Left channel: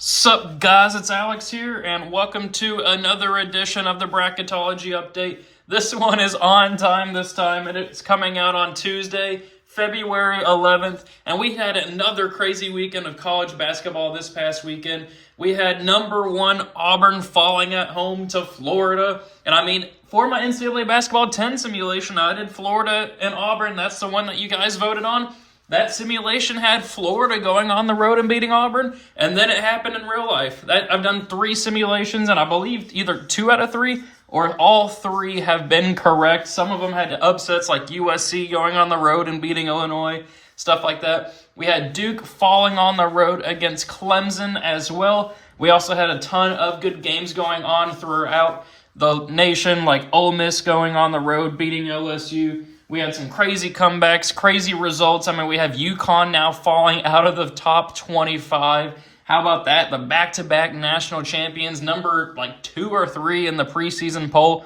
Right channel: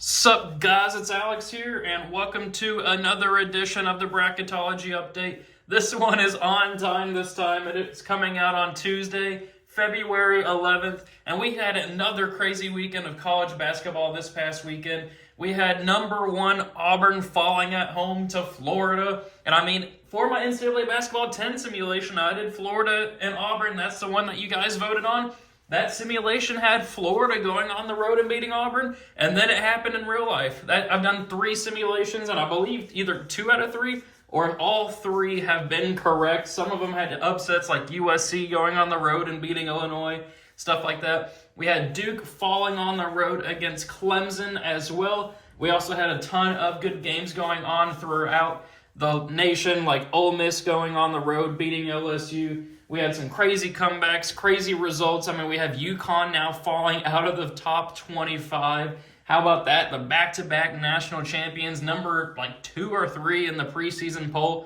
Sup guys, it's Alex here, and welcome to another edition of the Bracketology update. This one is on time this time, and it's coming out on Tuesday, February 11th, and we had another crazy weekend of college basketball this past weekend. We had number 1 Auburn falling at home to Florida, and I mean, for my NCAA Basketball 10 simulation, I did Florida and Auburn. That's the one that you guys voted on. That simulation had Florida going on the road and beating Auburn, and then it happened in real life. I've done 3 simulations, and I believe either 2 out of 3 or all 3 have been correct. Some of them had upsets like USC going on the road and beating Illinois, stuff like that. We had Duke falling on the road against Clemson as well. We also had a ton of good games going on throughout the nation, like Ole Miss going on the road, beating LSU. We had some crazy comebacks, crazy results. I mean, we have UConn now falling out of the top 25. How about that? The back-to-back national champions, number 2 or 3 in the preseason poll,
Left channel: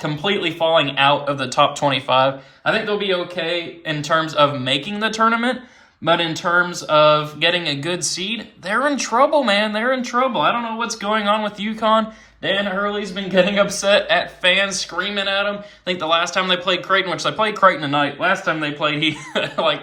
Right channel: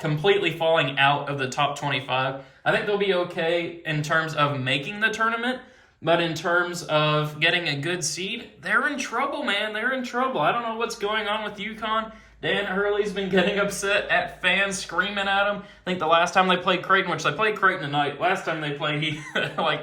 completely falling out of the top 25. I think they'll be okay in terms of making the tournament, but in terms of getting a good seed, they're in trouble, man. They're in trouble. I don't know what's going on with UConn. Dan Hurley's been getting upset at fans screaming at him. I think the last time they played Creighton, which they played Creighton tonight, last time they played, he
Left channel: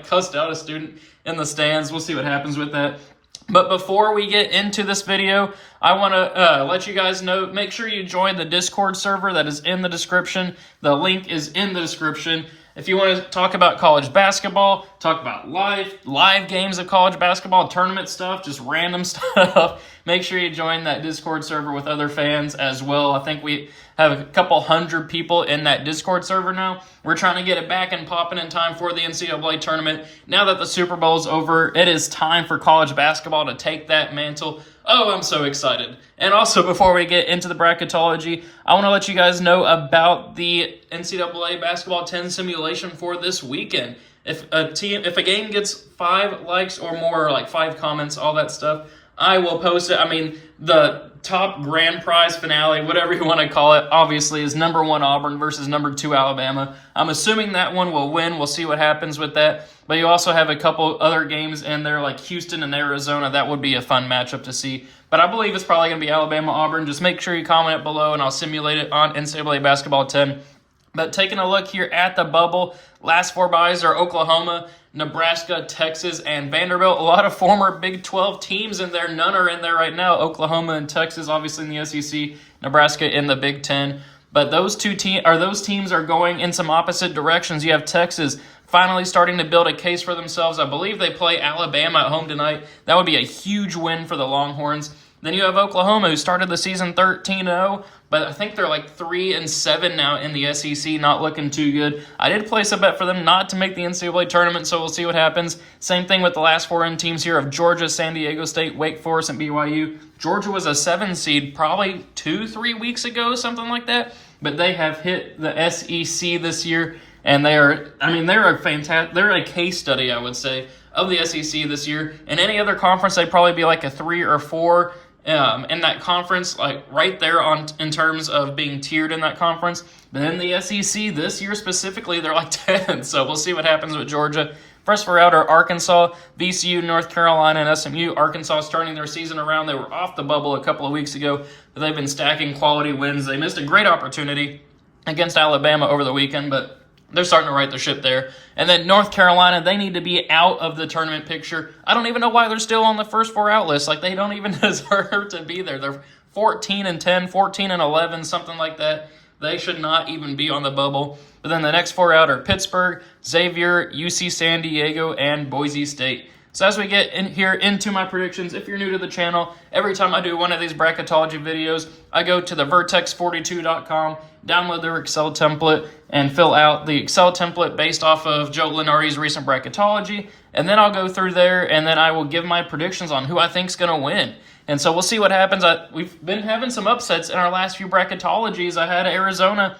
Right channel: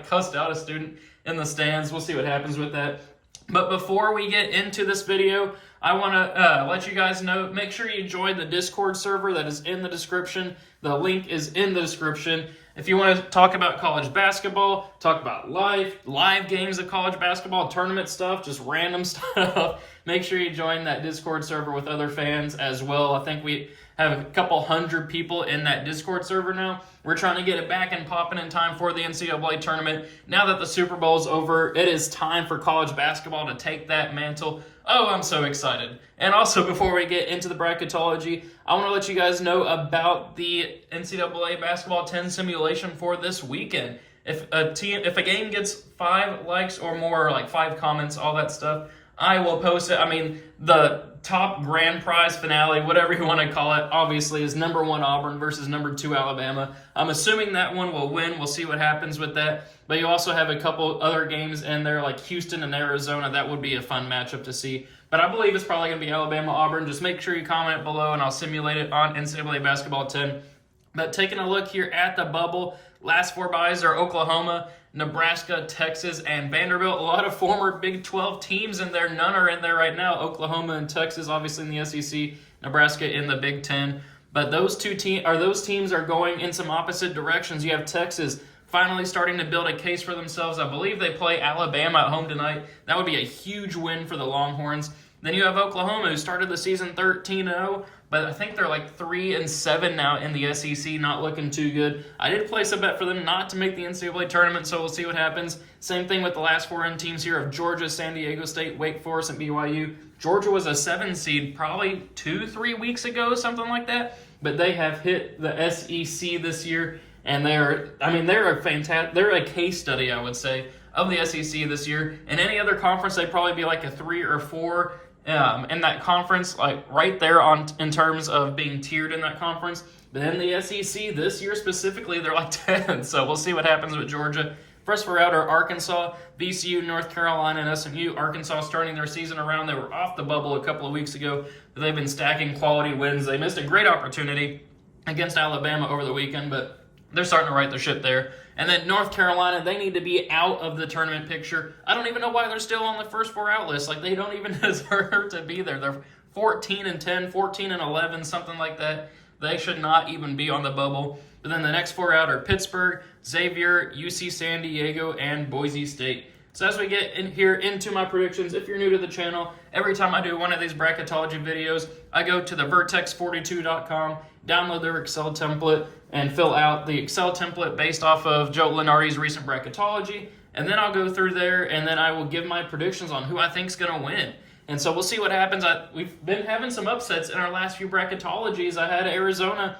cussed out a student in the stands. We'll see what happens with that. But before we get into this video, I want to let you guys know, make sure you join the Discord server that is in the description. The link is in the description. If you want to talk about college basketball, talk about live games of college basketball, tournament stuff, just random stuff, make sure you join that Discord server with other fans as well. I think we have a couple hundred people in that Discord server now. We're trying to get it back and popping in time for the NCAA tournament. Now that the Super Bowl's over, it is time for college basketball to take that mantle. Oh, I'm so excited. And also, before we get into the bracketology, I want to let you guys know about the NCAA Basketball 10 simulation for this weekend. If a game gets 5 likes or more, or 5 comments, all that stuff, I will post it. I mean, the top grand prize finale, whatever you want to call it, obviously is number 1 Auburn versus number 2 Alabama. I'm assuming that one will win. We'll see what happens with that. But you also have a couple other games in there like Houston and Arizona. That would be a fun matchup to see. But I believe it's probably going to be Alabama-Auburn. Just make sure you comment below and I'll simulate it on NCAA Basketball 10. But taking a look here at the bubble, last 4 byes are Oklahoma, Nebraska, Texas, and Vanderbilt. A lot of former Big 12 teams in there. None are in there right now. Oklahoma and Texas, obviously in the SEC. Nebraska in the Big 10. But those teams are going in some opposite directions. You have Texas finally starting to build a case for themselves. I believe they play Alabama at home tonight. That would be a huge win for the Longhorns. Then you have Oklahoma, who started the season 13-0, but I think they're 3-7 now in the SEC, not looking too good. I did place a bet for them not to make the NCAA tournament, so we'll see what happens. Same thing with the last 4 teams here of Georgia, San Diego State, Wake Forest, and BYU. Georgia was a 7 seed probably 2-3 weeks ago, something like that, but they have hit the SEC this year, and they're a case study, I would say, of the SEC this year. In any other conference, they'd probably be a 3 or 4 in that conference, right there in terms of being tiered in that conference. But in the SEC this year specifically, they're 10. So we'll see what happens with Georgia. First 4 out are Arkansas, VCU, North Carolina, and SMU. Arkansas starting their season around. They were off the bubble a couple of weeks ago, but they've been stacking quality wins. They missed a great opportunity against Alabama over the weekend, but they're starting to right their ship there. And then North Carolina, they need to be out of the tournament picture. I don't even know why they're still on the first 4 out list. They don't even deserve to be there. They're 14-10, 14-11, something like that. They should not even be on the bubble. But then the next 4 out are Pittsburgh, Xavier, UC San Diego, and Boise State. So as we get in here into my predictions, if you're new to the channel, every time I do one of these bracketology videos, I go to the vertex42.com, download their Excel template, and fill out the Excel template based off of Joe Lunardi's recent bracketology. And then I'll go through there, and then I will give my predictions on who I think is going to win. And so we'll see what happens. We've been having some upsets in our last few bracketologies. I had Arizona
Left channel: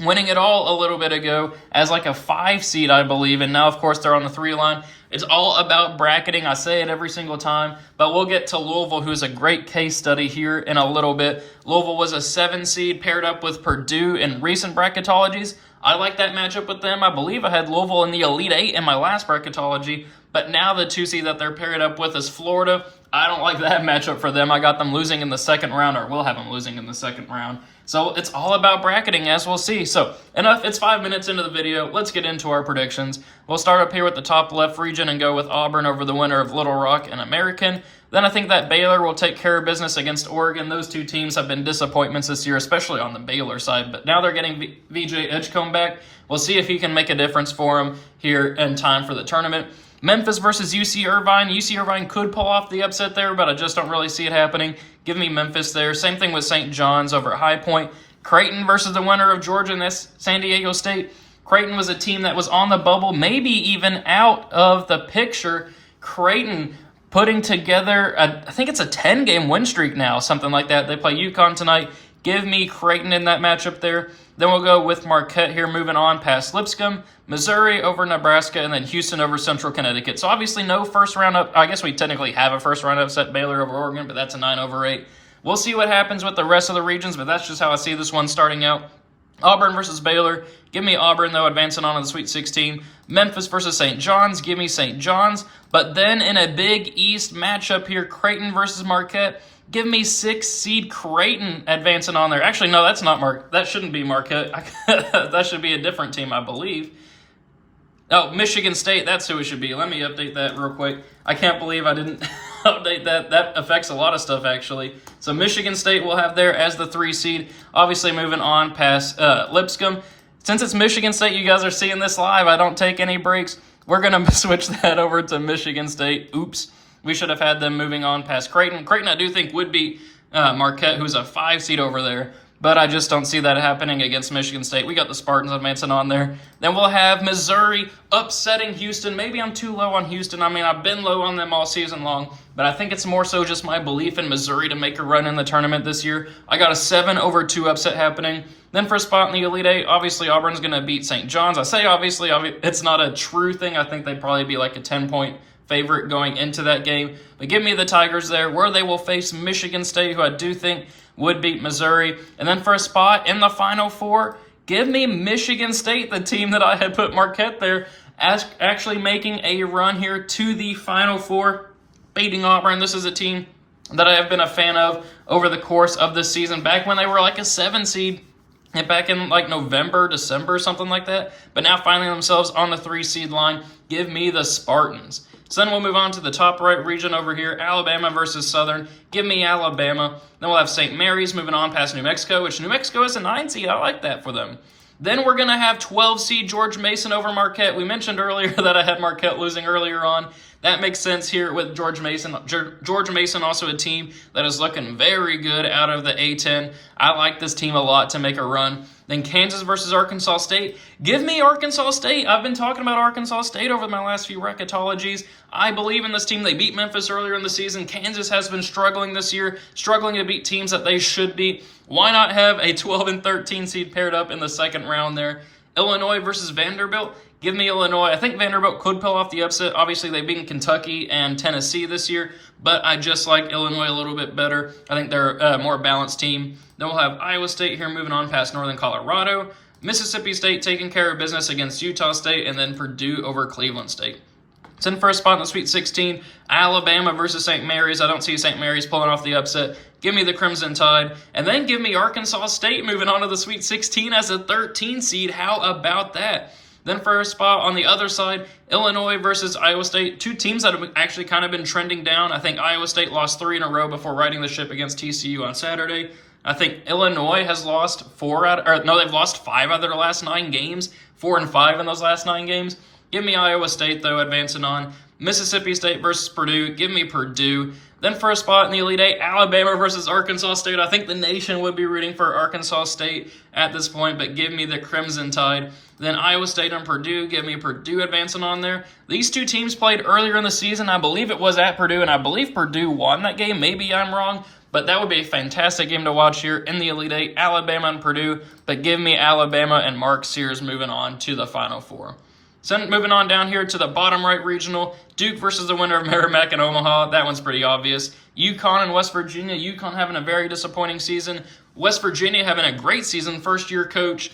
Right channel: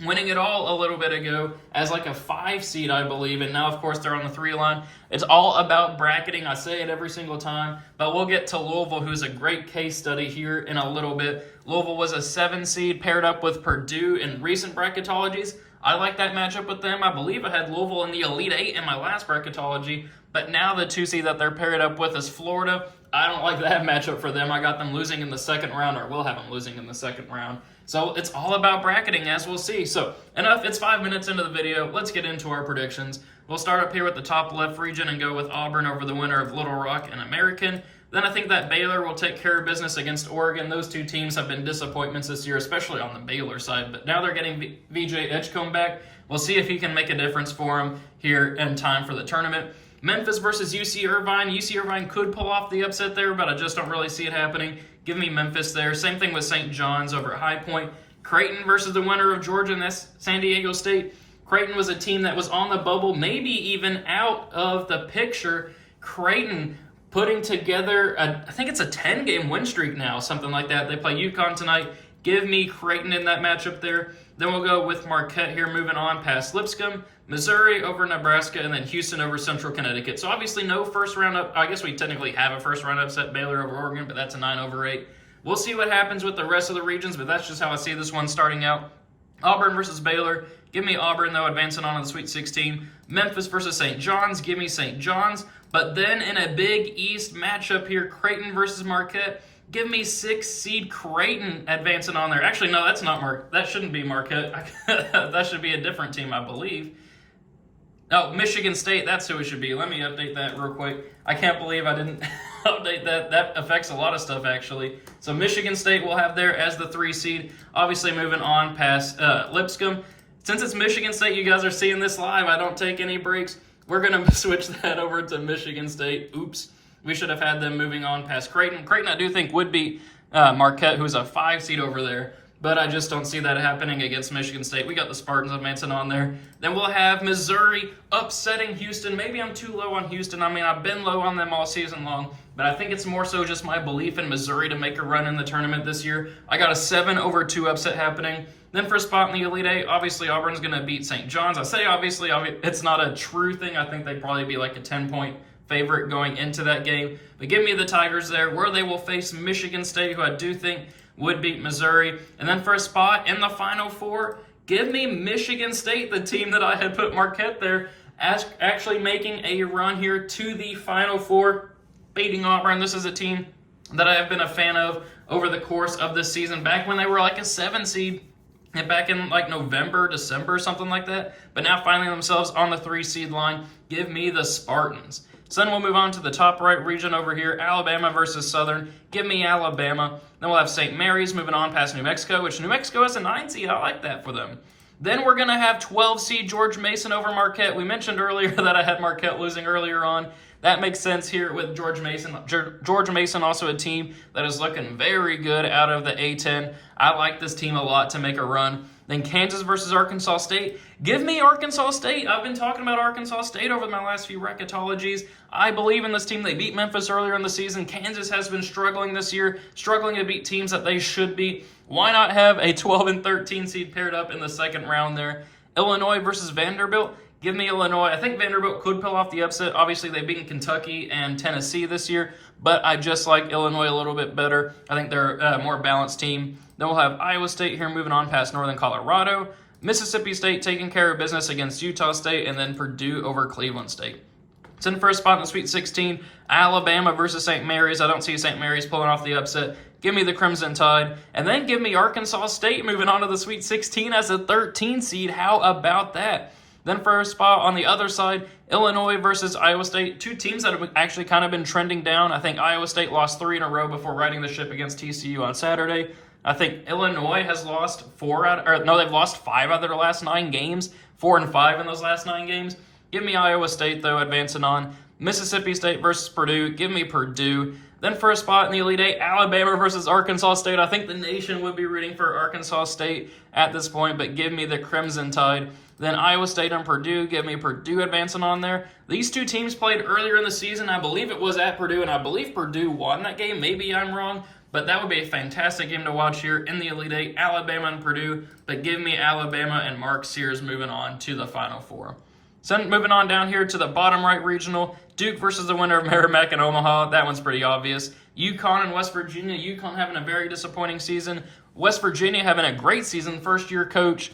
winning it all a little bit ago as a 5 seed, I believe, and now, of course, they're on the 3 line. It's all about bracketing. I say it every single time, but we'll get to Louisville, who's a great case study here in a little bit. Louisville was a 7 seed paired up with Purdue in recent bracketologies. I like that matchup with them. I believe I had Louisville in the Elite 8 in my last bracketology, but now the 2 seed that they're paired up with is Florida. I don't like that matchup for them. I got them losing in the second round, or will have them losing in the second round. So it's all about bracketing, as we'll see. So enough, it's 5 minutes into the video. Let's get into our predictions. We'll start up here with the top left region and go with Auburn over the winner of Little Rock and American. Then I think that Baylor will take care of business against Oregon. Those two teams have been disappointments this year, especially on the Baylor side. But now they're getting VJ Edgecombe back. We'll see if he can make a difference for them here in time for the tournament. Memphis versus UC Irvine. UC Irvine could pull off the upset there, but I just don't really see it happening. Give me Memphis there. Same thing with St. John's over at High Point. Creighton versus the winner of Georgia and San Diego State. Creighton was a team that was on the bubble, maybe even out of the picture. Creighton putting together, I think it's a 10-game win streak now, something like that. They play UConn tonight. Give me Creighton in that matchup there. Then we'll go with Marquette here, moving on past Lipscomb. Missouri over Nebraska, and then Houston over Central Connecticut. So obviously no first round up. I guess we technically have a first round upset, Baylor over Oregon, but that's a 9-8. We'll see what happens with the rest of the regions, but that's just how I see this one starting out. Auburn versus Baylor. Give me Auburn, though, advancing on to the Sweet 16. Memphis versus St. John's. Give me St. John's. But then in a Big East matchup here, Creighton versus Marquette. Give me 6th seed Creighton advancing on there. Actually, no, that's not that shouldn't be Marquette. That should be a different team, I believe. Oh, Michigan State, that's who it should be. Let me update that real quick. I can't believe I didn't update that. That affects a lot of stuff, actually. So Michigan State will have there as the 3 seed. Obviously, moving on past Lipscomb. Since it's Michigan State, you guys are seeing this live. I don't take any breaks. We're going to switch that over to Michigan State. Oops. We should have had them moving on past Creighton. Creighton, I do think, would beat Marquette, who's a 5 seed over there. But I just don't see that happening against Michigan State. We got the Spartans advancing on there. Then we'll have Missouri upsetting Houston. Maybe I'm too low on Houston. I mean, I've been low on them all season long. But I think it's more so just my belief in Missouri to make a run in the tournament this year. I got a 7-2 upset happening. Then for a spot in the Elite Eight, obviously Auburn's going to beat St. John's. I say obviously, it's not a true thing. I think they'd probably be like a 10-point favorite going into that game. But give me the Tigers there, where they will face Michigan State, who I do think would beat Missouri. And then for a spot in the Final Four, give me Michigan State, the team that I had put Marquette there, as actually making a run here to the Final Four, beating Auburn. This is a team that I have been a fan of over the course of this season, back when they were like a 7 seed, and back in like November, December, something like that. But now finding themselves on the 3 seed line, give me the Spartans. So then we'll move on to the top right region over here, Alabama versus Southern. Give me Alabama. Then we'll have St. Mary's moving on past New Mexico, which New Mexico is a 9 seed. I like that for them. Then we're going to have 12 seed George Mason over Marquette. We mentioned earlier that I had Marquette losing earlier on. That makes sense here with George Mason. George Mason, also a team that is looking very good out of the A-10. I like this team a lot to make a run. Then Kansas versus Arkansas State. Give me Arkansas State. I've been talking about Arkansas State over my last few bracketologies. I believe in this team. They beat Memphis earlier in the season. Kansas has been struggling this year, struggling to beat teams that they should beat. Why not have a 12 and 13 seed paired up in the second round there? Illinois versus Vanderbilt. Give me Illinois. I think Vanderbilt could pull off the upset. Obviously, they've beaten Kentucky and Tennessee this year, but I just like Illinois a little bit better. I think they're a more balanced team. Then we'll have Iowa State here moving on past Northern Colorado. Mississippi State taking care of business against Utah State, and then Purdue over Cleveland State. It's in first spot in the Sweet 16, Alabama versus St. Mary's. I don't see St. Mary's pulling off the upset. Give me the Crimson Tide. And then give me Arkansas State moving on to the Sweet 16 as a 13 seed. How about that? Then for a spot on the other side, Illinois versus Iowa State. 2 teams that have actually kind of been trending down. I think Iowa State lost 3 in a row before riding the ship against TCU on Saturday. I think Illinois has lost they've lost 5 out of their last 9 games. 4 and 5 in those last 9 games. Give me Iowa State, though, advancing on. Mississippi State versus Purdue. Give me Purdue. Then for a spot in the Elite Eight, Alabama versus Arkansas State. I think the nation would be rooting for Arkansas State at this point, but give me the Crimson Tide. Then Iowa State and Purdue. Give me Purdue advancing on there. These 2 teams played earlier in the season. I believe it was at Purdue, and I believe Purdue won that game. Maybe I'm wrong, but that would be a fantastic game to watch here in the Elite Eight, Alabama and Purdue. But give me Alabama and Mark Sears moving on to the Final Four. So moving on down here to the bottom right regional, Duke versus the winner of Merrimack and Omaha. That one's pretty obvious. UConn and West Virginia. UConn having a very disappointing season. West Virginia having a great season. First-year coach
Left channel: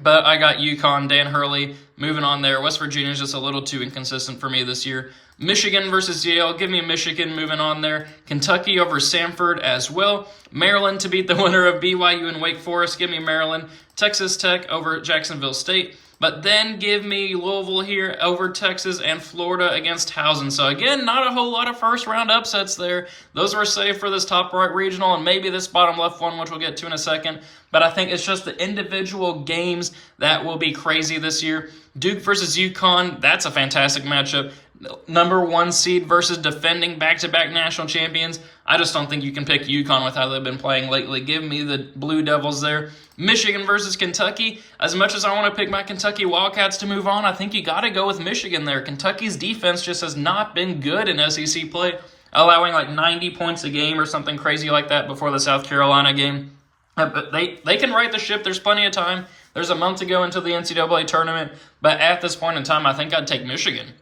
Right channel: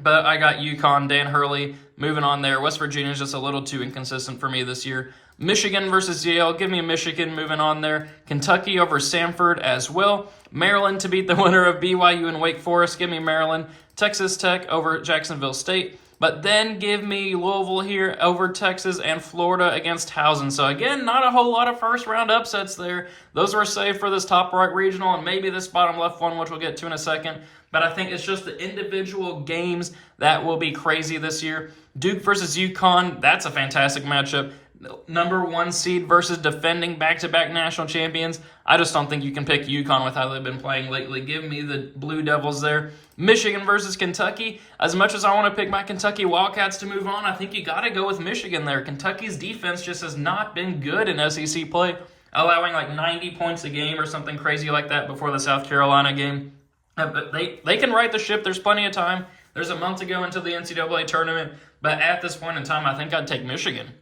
But I got UConn, Dan Hurley moving on there. West Virginia is just a little too inconsistent for me this year. Michigan versus Yale, give me Michigan moving on there. Kentucky over Samford as well. Maryland to beat the winner of BYU and Wake Forest, give me Maryland. Texas Tech over Jacksonville State. But then give me Louisville here over Texas and Florida against Towson. So again, not a whole lot of first round upsets there. Those were saved for this top right regional and maybe this bottom left one, which we'll get to in a second. But I think it's just the individual games that will be crazy this year. Duke versus UConn, that's a fantastic matchup. Number 1 seed versus defending back-to-back national champions. I just don't think you can pick UConn with how they've been playing lately. Give me the Blue Devils there. Michigan versus Kentucky. As much as I want to pick my Kentucky Wildcats to move on, I think you got to go with Michigan there. Kentucky's defense just has not been good in SEC play, allowing like 90 points a game or something crazy like that before the South Carolina game. But they can right the ship. There's plenty of time. There's a month to go until the NCAA tournament. But at this point in time, I think I'd take Michigan.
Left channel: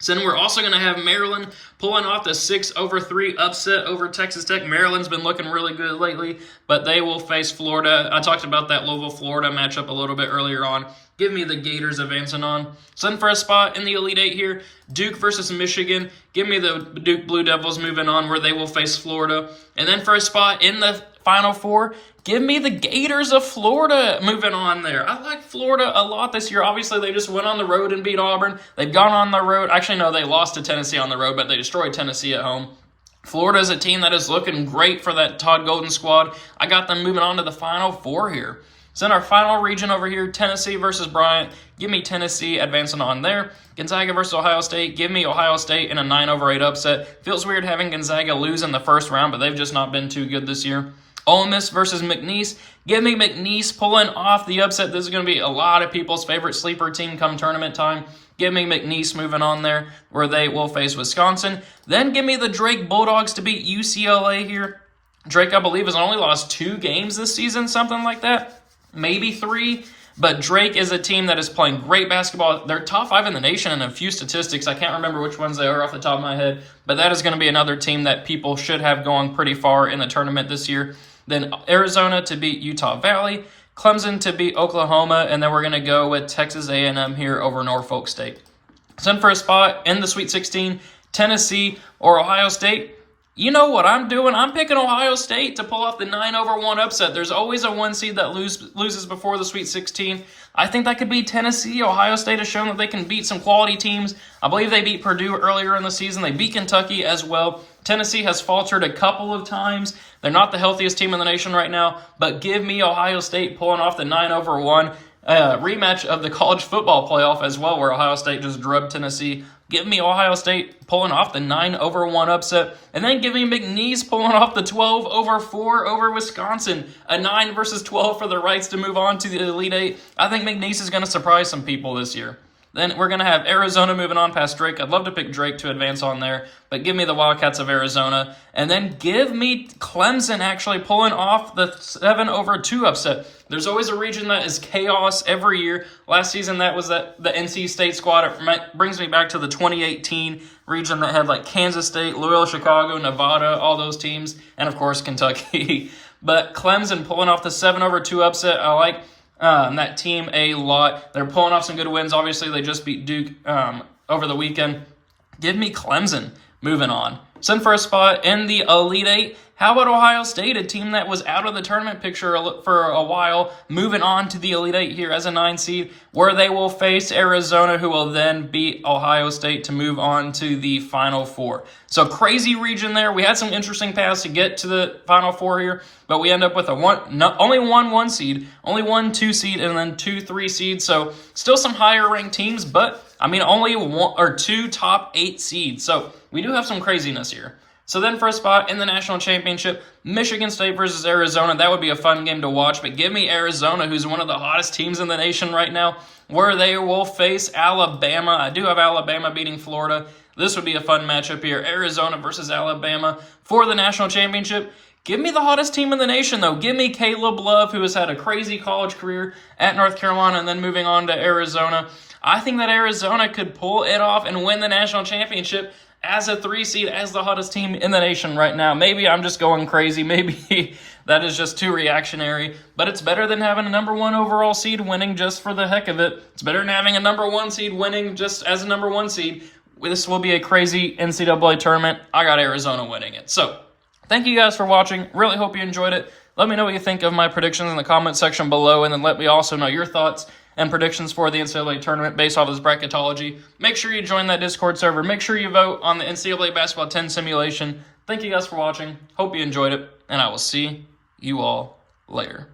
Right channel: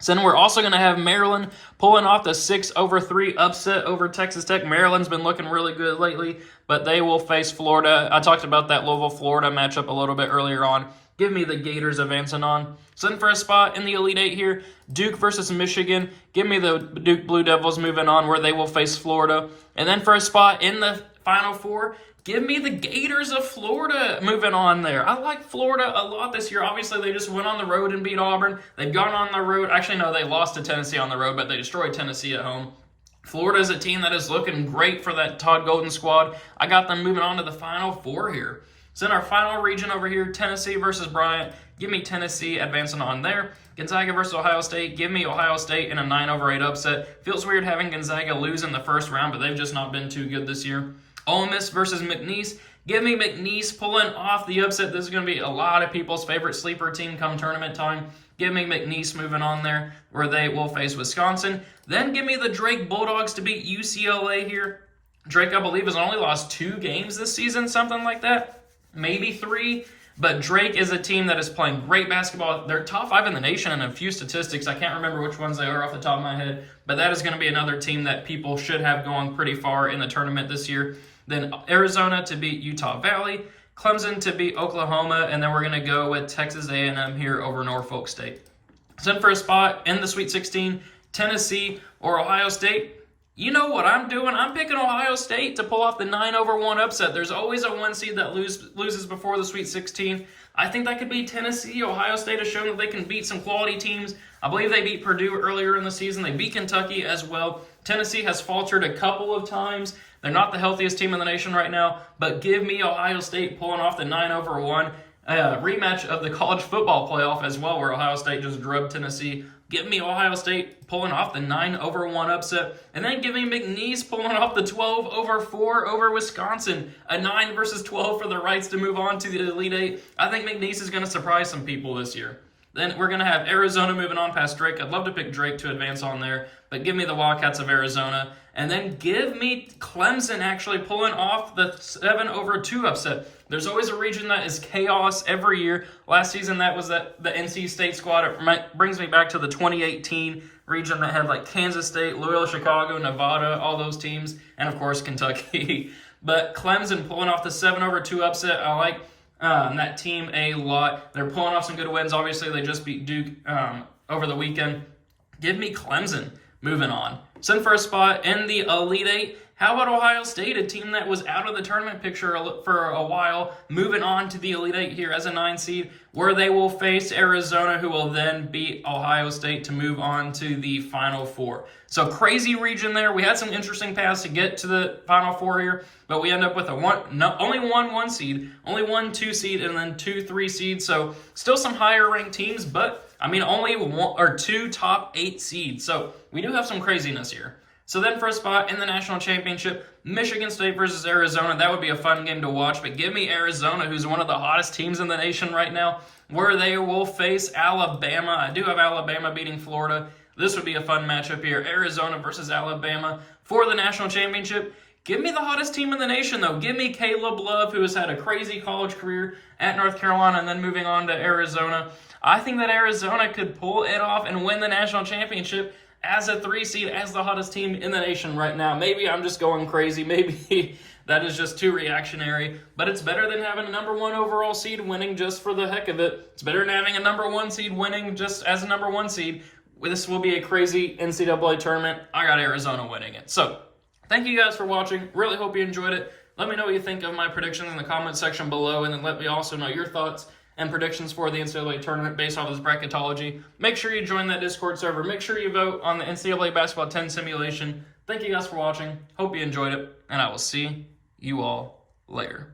So then we're also going to have Maryland pulling off the 6-3 upset over Texas Tech. Maryland's been looking really good lately, but they will face Florida. I talked about that Louisville-Florida matchup a little bit earlier on. Give me the Gators advancing on. So then for a spot in the Elite Eight here, Duke versus Michigan. Give me the Duke Blue Devils moving on where they will face Florida. And then for a spot in the Final Four, give me the Gators of Florida moving on there. I like Florida a lot this year. Obviously, they just went on the road and beat Auburn. They've gone on the road. Actually, no, they lost to Tennessee on the road, but they destroyed Tennessee at home. Florida is a team that is looking great for that Todd Golden squad. I got them moving on to the Final Four here. So in our final region over here, Tennessee versus Bryant. Give me Tennessee advancing on there. Gonzaga versus Ohio State. Give me Ohio State in a 9-8 upset. Feels weird having Gonzaga lose in the first round, but they've just not been too good this year. Ole Miss versus McNeese. Give me McNeese pulling off the upset. This is going to be a lot of people's favorite sleeper team come tournament time. Give me McNeese moving on there where they will face Wisconsin. Then give me the Drake Bulldogs to beat UCLA here. Drake, I believe, has only lost 2 games this season, something like that. Maybe 3. But Drake is a team that is playing great basketball. They're top 5 in the nation in a few statistics. I can't remember which ones they are off the top of my head. But that is going to be another team that people should have going pretty far in the tournament this year. Then Arizona to beat Utah Valley, Clemson to beat Oklahoma, and then we're going to go with Texas A&M here over Norfolk State. So then for a spot in the Sweet 16, Tennessee or Ohio State. You know what I'm doing? I'm picking Ohio State to pull off the 9-1 upset. There's always a 1 seed that loses before the Sweet 16. I think that could be Tennessee. Ohio State has shown that they can beat some quality teams. I believe they beat Purdue earlier in the season. They beat Kentucky as well. Tennessee has faltered a couple of times. They're not the healthiest team in the nation right now, but give me Ohio State pulling off the 9-1 rematch of the college football playoff as well, where Ohio State just drubbed Tennessee. Give me Ohio State pulling off the 9-1 upset, and then give me McNeese pulling off the 12-4 over Wisconsin. A 9 versus 12 for the rights to move on to the Elite Eight. I think McNeese is going to surprise some people this year. Then we're going to have Arizona moving on past Drake. I'd love to pick Drake to advance on there, but give me the Wildcats of Arizona. And then give me Clemson actually pulling off the 7-2 upset. There's always a region that is chaos every year. Last season, that was the NC State squad. It brings me back to the 2018 region that had like Kansas State, Loyola Chicago, Nevada, all those teams, and of course Kentucky. But Clemson pulling off the 7-2 upset. I like that team a lot. They're pulling off some good wins. Obviously, they just beat Duke over the weekend. Give me Clemson moving on. Send for a spot in the Elite Eight. How about Ohio State, a team that was out of the tournament picture for a while, moving on to the Elite Eight here as a 9 seed, where they will face Arizona, who will then beat Ohio State to move on to the Final Four. So crazy region there. We had some interesting paths to get to the Final Four here, but we end up with only one 1 seed, only 1 2 seed, and then 2 3 seeds. So still some higher ranked teams, but only 1 or 2 top 8 seeds. So we do have some craziness here. So then for a spot in the national championship, Michigan State versus Arizona. That would be a fun game to watch, but give me Arizona, who's one of the hottest teams in the nation right now, where they will face Alabama. I do have Alabama beating Florida. This would be a fun matchup here. Arizona versus Alabama for the national championship. Give me the hottest team in the nation, though. Give me Caleb Love, who has had a crazy college career at North Carolina and then moving on to Arizona. I think that Arizona could pull it off and win the national championship. as a 3 seed, as the hottest team in the nation right now. Maybe I'm just going crazy. Maybe that is just too reactionary. But it's better than having a number 1 overall seed winning just for the heck of it. It's better than having a number 1 seed winning just as a number 1 seed. This will be a crazy NCAA tournament. I got Arizona winning it. So, thank you guys for watching. Really hope you enjoyed it. Let me know what you think of my predictions in the comment section below, and then let me also know your thoughts and predictions for the NCAA tournament based off of this bracketology. Make sure you join that Discord server. Make sure you vote on the NCAA Basketball 10 simulation. Thank you guys for watching. Hope you enjoyed it, and I will see you all later.